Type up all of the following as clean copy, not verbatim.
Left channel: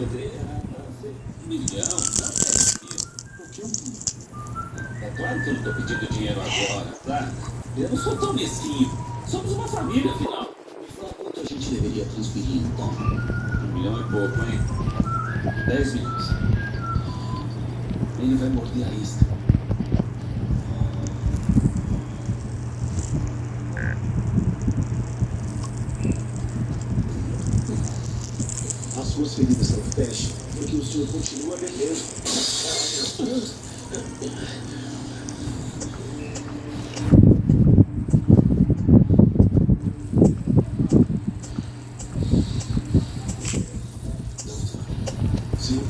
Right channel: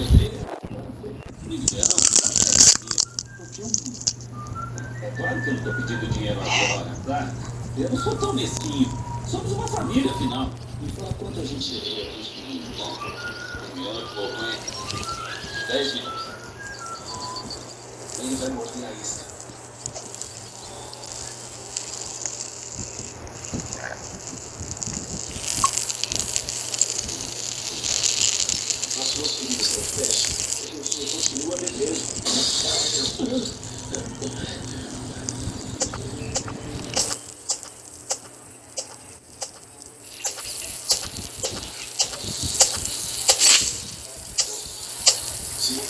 Milhão? Por que um milhão? É claro que eu não estou pedindo dinheiro agora, tá? Eu não sou tão mesquinho. Somos uma família, afinal. Me fala quanto a gente teria construído, então. 1 milhão e pouco, hein? 10 milhões. Ele vai morder a isca. As suas feridas são péssimas, porque o senhor continua bebendo. Sim.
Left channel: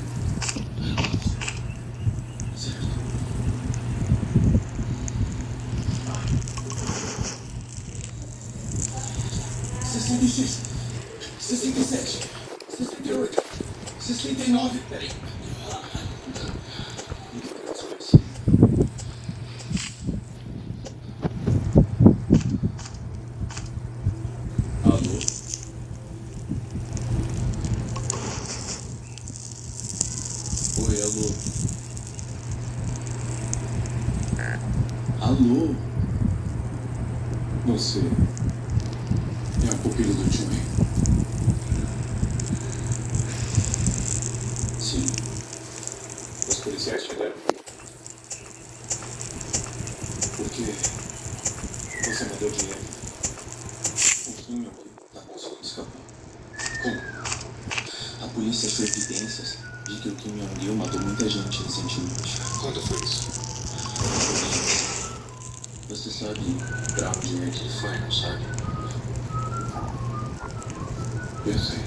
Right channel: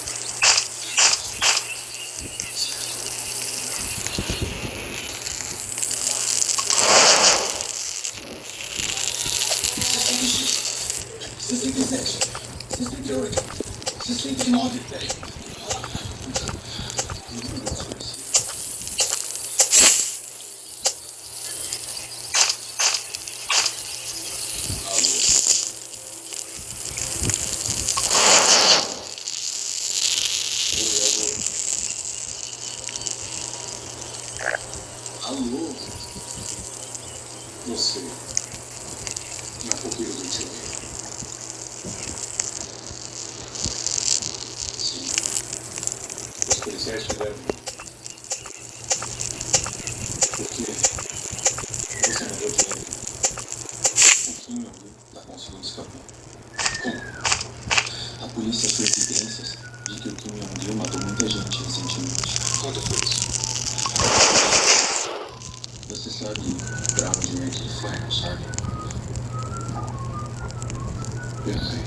Você 67, 68, 69, peraí. Alô? Você é a pupila do Jimmy? Sim. Os policiais chegaram. Porque você mandou dinheiro. O Kim está conseguindo escapar. Como? A polícia achou evidências de que o Kim Jong-il matou muita gente recentemente. Quando foi isso? Você sabe pra onde é que ele foi, não sabe? Eu sei.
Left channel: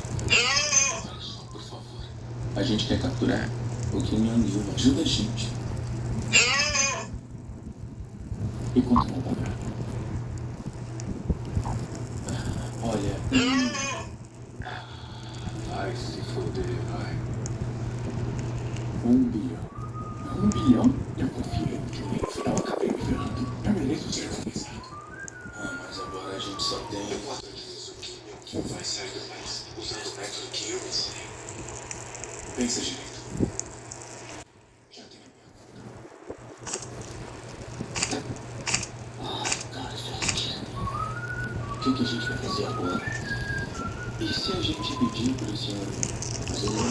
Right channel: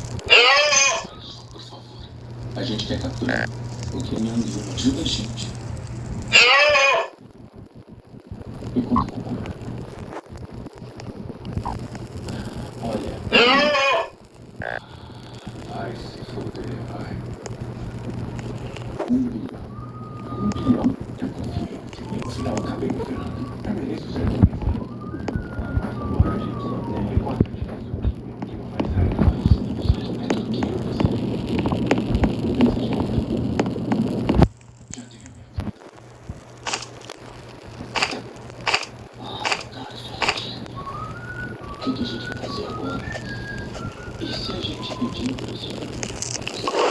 Por favor. A gente quer capturar. O Kim Jong-il ajuda a gente. E conta com ele. Olha. Ai, se foder, vai. 1 bilhão. 1 bilhão? Eu confio em dinheiro. Você não acabei de ver. Eu mereço ser realizado. Mas agora a gente só tem 4 dias. O que vai sair mais? Os documentos que eu passei. Pensa direito. Já tenho medo. Cara, gente. O que a gente vai fazer agora? E se a gente pedir por esse ano? Você vai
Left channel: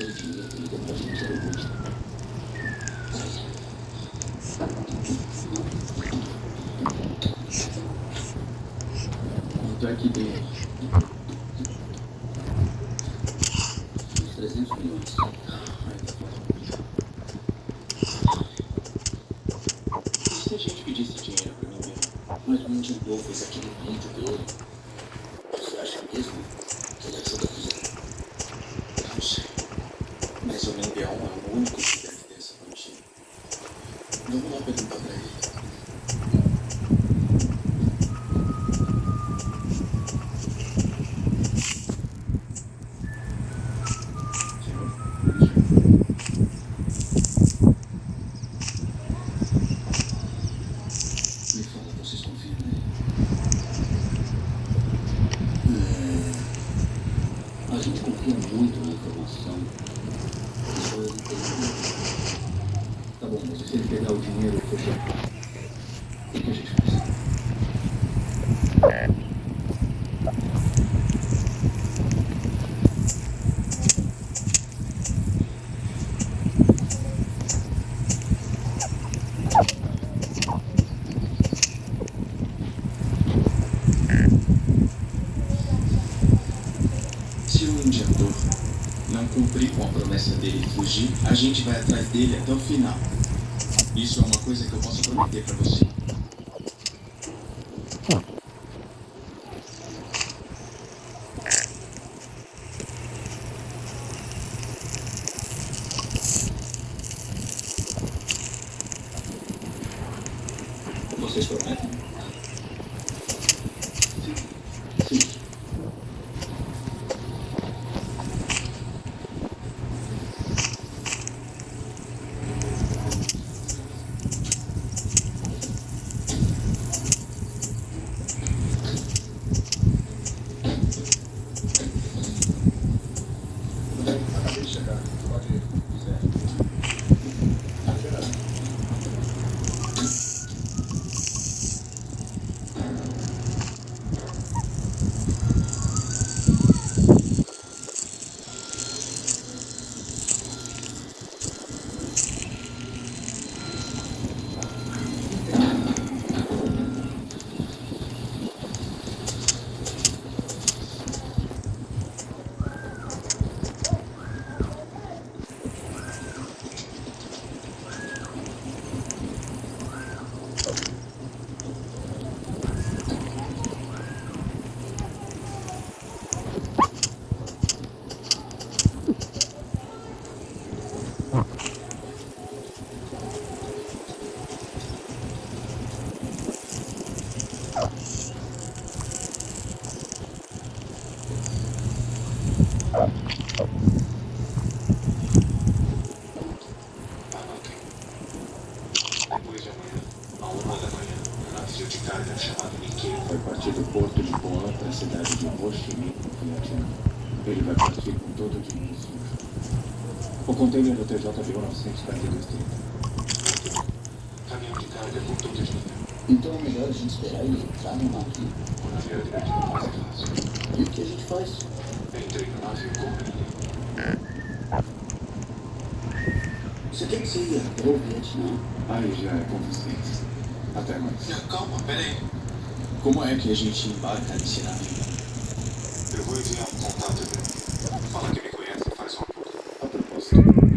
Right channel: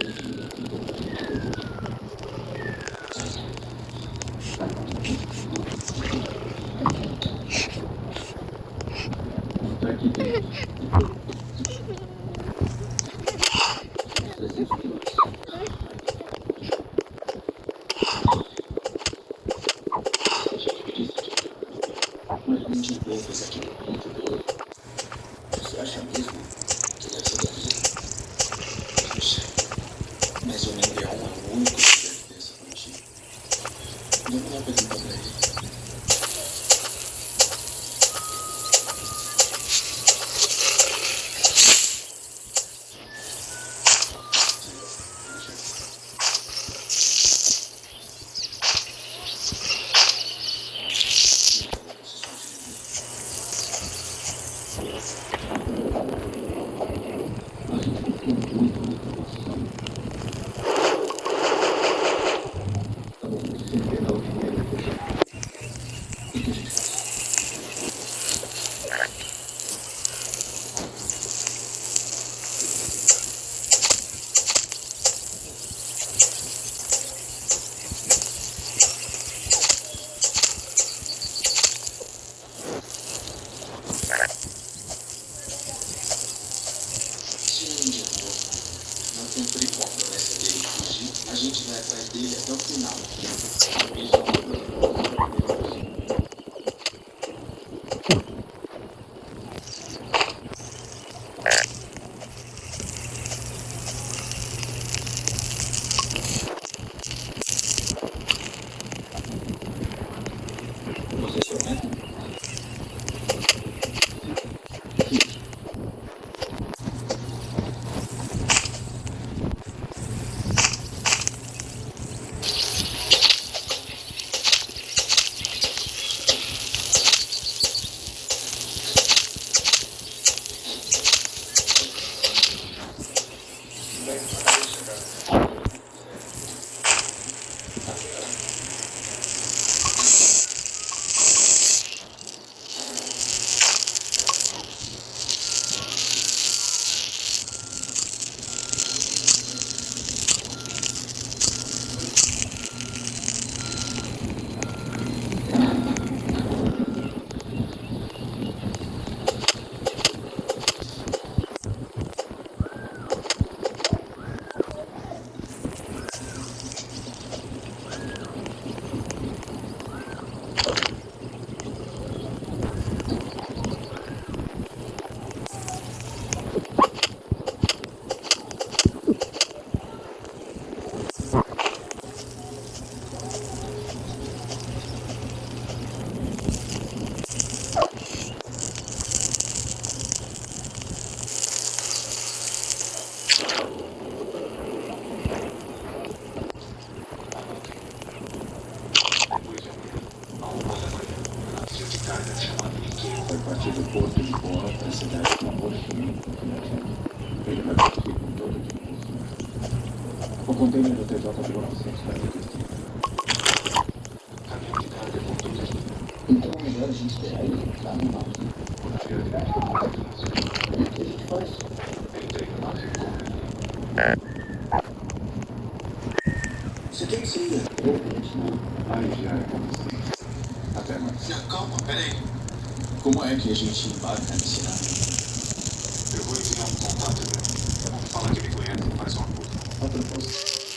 ele queria cuidar da gente depois. Não tá aqui dentro. 300 minutos. Se a gente pedisse dinheiro, mas não tinha bofas aqui no ponto do ouro. Você acha mesmo que vai ser daqui? Não sei. Mas o Minbião é o único que deve ter essa quantia. Vamos lá perguntar pra ele. Me fala, você só viu. A gente confia muito na tradução. Tá bom, você sempre pegar o dinheiro e fechar. O que a gente faz? Se o injetor não cumprir com a promessa dele de fugir, a gente vai atrás dele até o final. Isso é uma coisa que eu posso prometer pra você. Vocês prometem? Sim. Vai partir do porto de Boa a cidade de Washington, ele vai partir com todo o dinheiro. O container do TJ virou 900 metros. Caminhão de carga com todo o dinheiro. Então é melhor a gente esperar ele entrar no navio. Na verdade, não é mais fácil. E o que a gente faz? Entrei no navio com você quer que você ia? Eu vou, aí já é mais bem. Até mais. Calma, peraí. Como é que a gente embarca nesse navio? Eu vou enviar um contato dele. Fala que me conhece e faz uma puta. A propósito.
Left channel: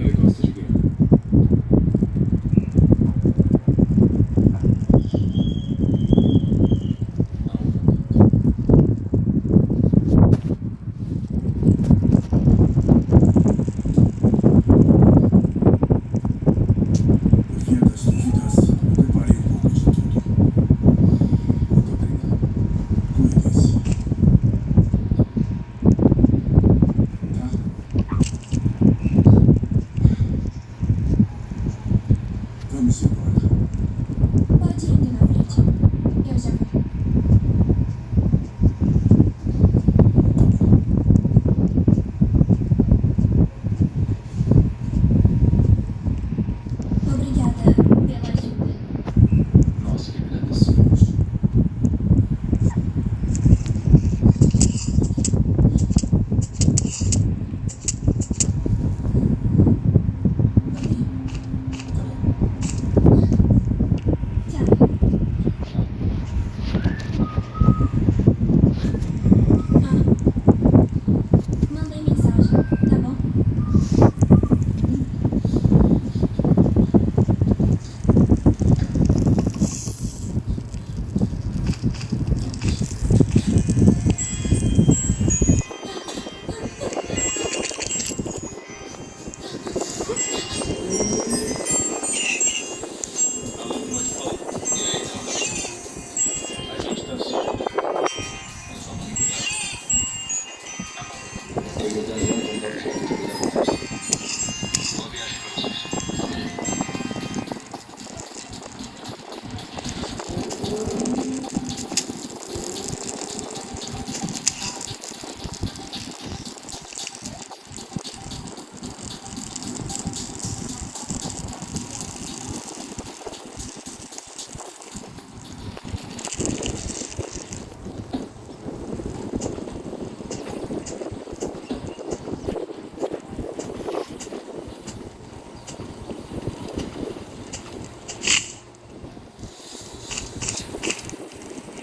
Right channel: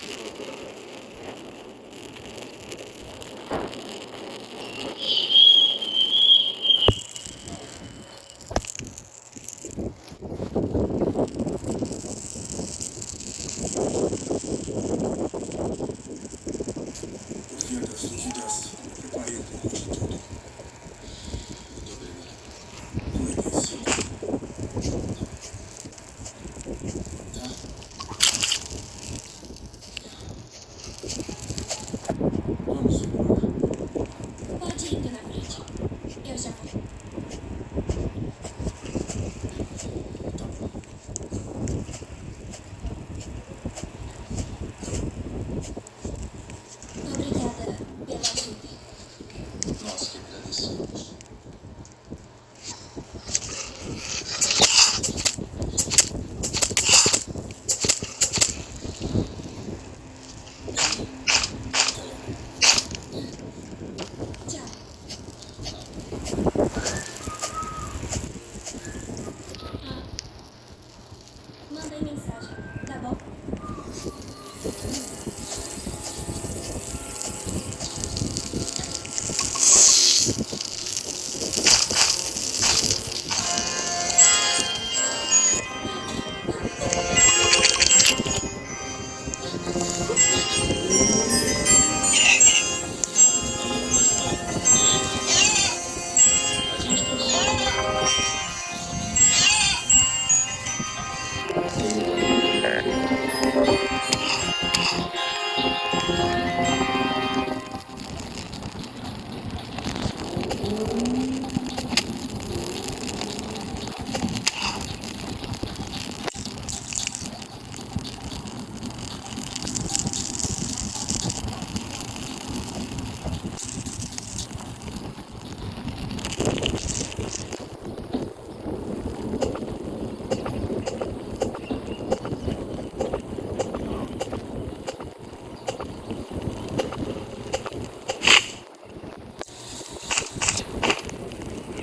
Pode ir indo na frente. Eu já vou. Obrigada pela ajuda. Nós que agradecemos. Tchau. Mandei mensagem, tá bom?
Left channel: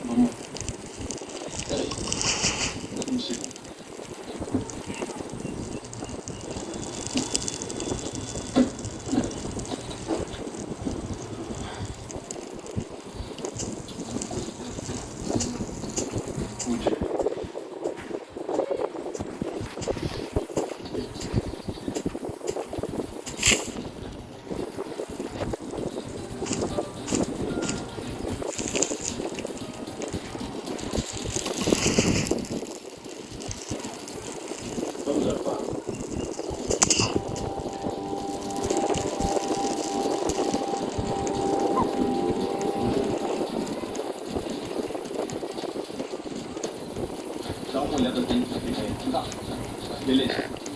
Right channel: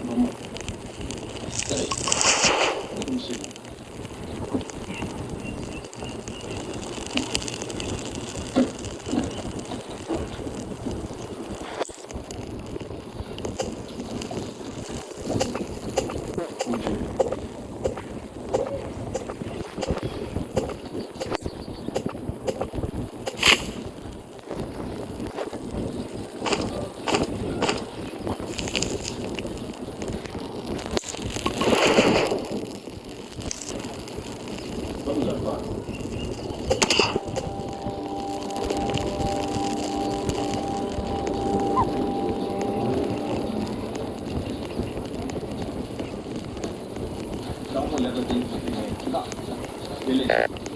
Vamos. Peraí. Um segundo. Bom dia. Vamos lá. Dá uma olhada dentro. Tá. Beleza.